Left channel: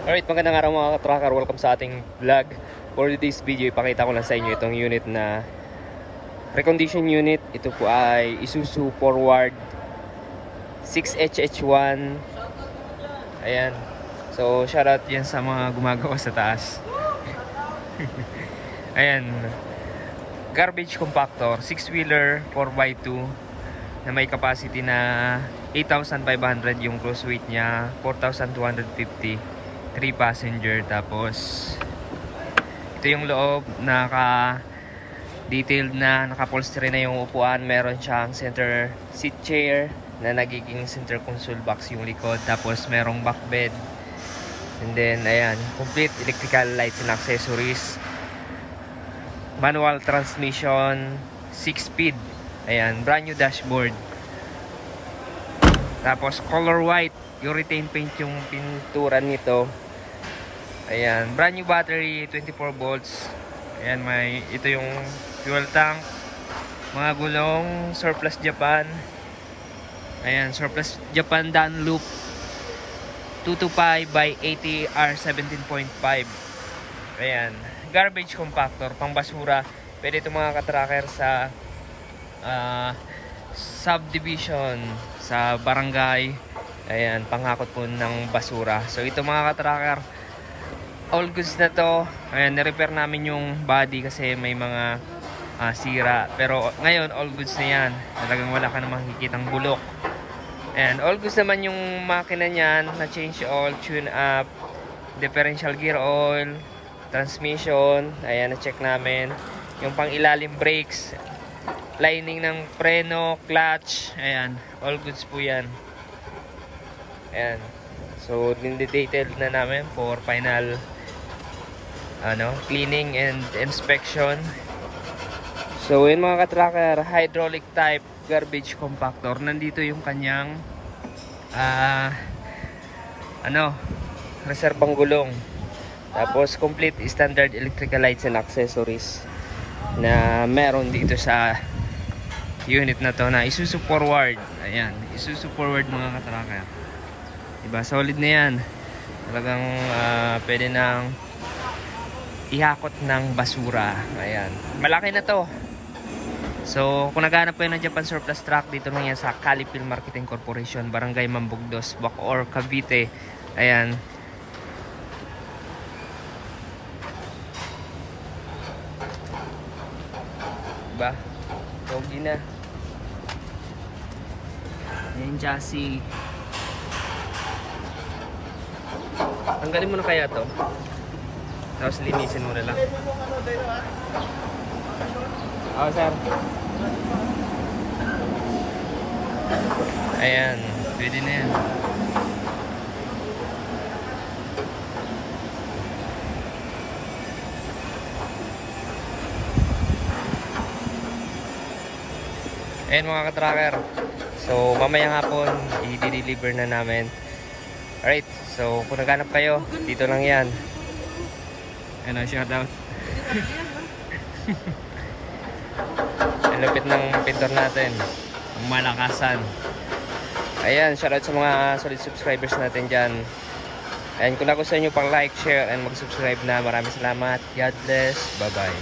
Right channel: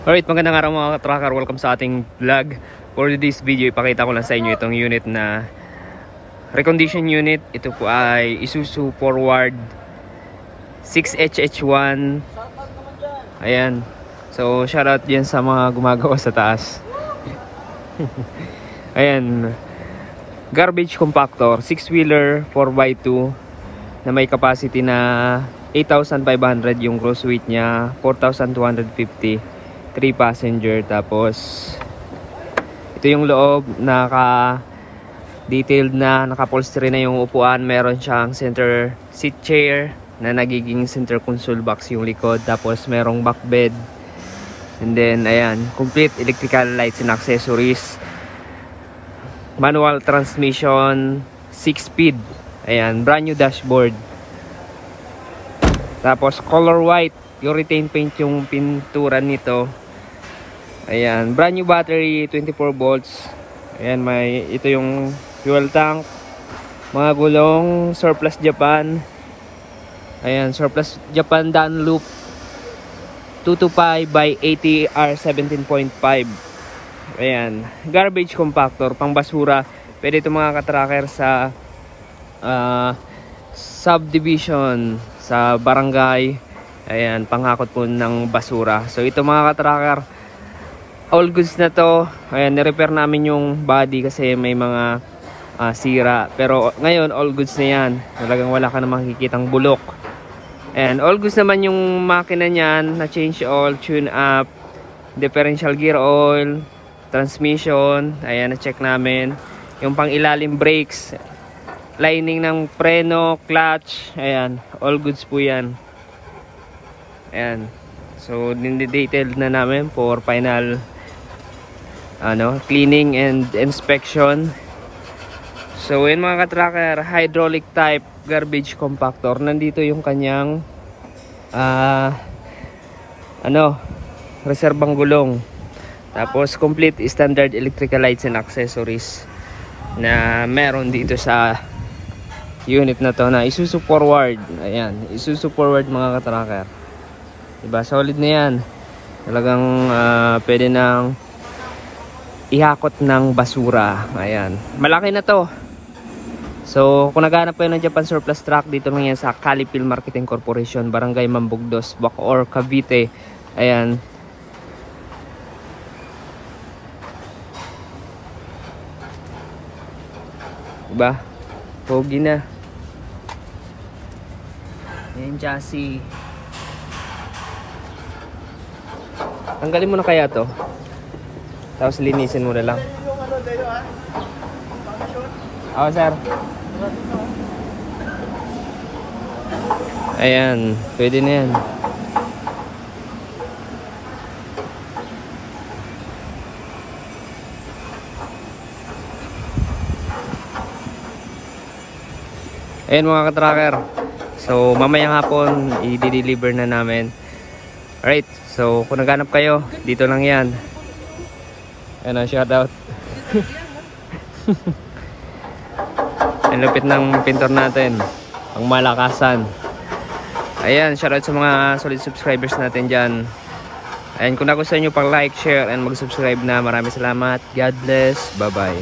Alright, magandang araw mga tracker. Welcome sa ating vlog. For this video, ipakita ko lang sa inyo itong unit na recondition unit. Ito po ay Isuzu Forward 6HH1. Ayan. So, shoutout yan sa mga gumagawa sa taas. Ayan. Garbage compactor, 6-wheeler, 4x2 na may capacity na 8,500 yung gross weight niya, 4,250, 3 passenger. Tapos ito yung loob, naka-detailed na, naka-upholstery na yung upuan. Meron siyang center seat chair na nagiging center console box yung likod. Tapos merong back bed. And then ayan, complete electrical lights and accessories. Manual transmission, 6-speed. Ayan, brand new dashboard. Tapos color white, urethane paint yung pintura nito. Ayan, brand new battery, 24 volts. Ayan, ito yung fuel tank. Mga gulong Surplus Japan. Ayan, Surplus Japan Dunlop 225 by 80R 17.5. Ayan, garbage compactor, pang basura. Pwede ito mga katracker sa subdivision, sa barangay. Ayan, panghakot po ng basura. So ito mga katracker, all goods na to. Ayan, nirepair namin yung body kasi may mga sira. Pero ngayon, all goods na yan. Talagang wala ka na makikitang bulok. Ayan, all goods naman yung makina niyan. Na-change oil, tune up, differential gear oil, transmission. Ayan, na-check namin. Yung pang ilalim brakes, lining ng preno, clutch. Ayan, all goods po yan. Ayan. So, detailed na namin for final cleaning and inspection. So, yun mga katracker, hydraulic type garbage compactor. Nandito yung kanyang reserbang gulong. Tapos complete standard electrical lights and accessories na meron dito sa unit na to na Isuzu Forward. Ayan, Isuzu Forward mga katracker. Diba, solid na yan. Talagang pwede nang ihakot ng basura. Ayan, malaki na to. So kung naghanap kayo ng Japan Surplus Truck, dito lang yan sa Calipil Marketing Corporation, Barangay Mambugdos, Bacoor, Cavite. Ayan. Diba? Pogi na. Ayan, chassis. Tanggalin mo na kaya to. Tapos linisin mo na lang. Oo, sir. Ayan, pwede na yan. Ayan mga katracker. So mamayang hapon i-deliver na namin. Alright, so kung naghanap kayo, dito lang yan. Ayan, shoutout. Ang lupit ng pintor natin, pang malakasan. Ayan, shoutout sa mga solid subscribers natin dyan. Ayan, kung nagustuhan nyo, pang like, share, and mag-subscribe na. Maraming salamat. God bless. Bye bye.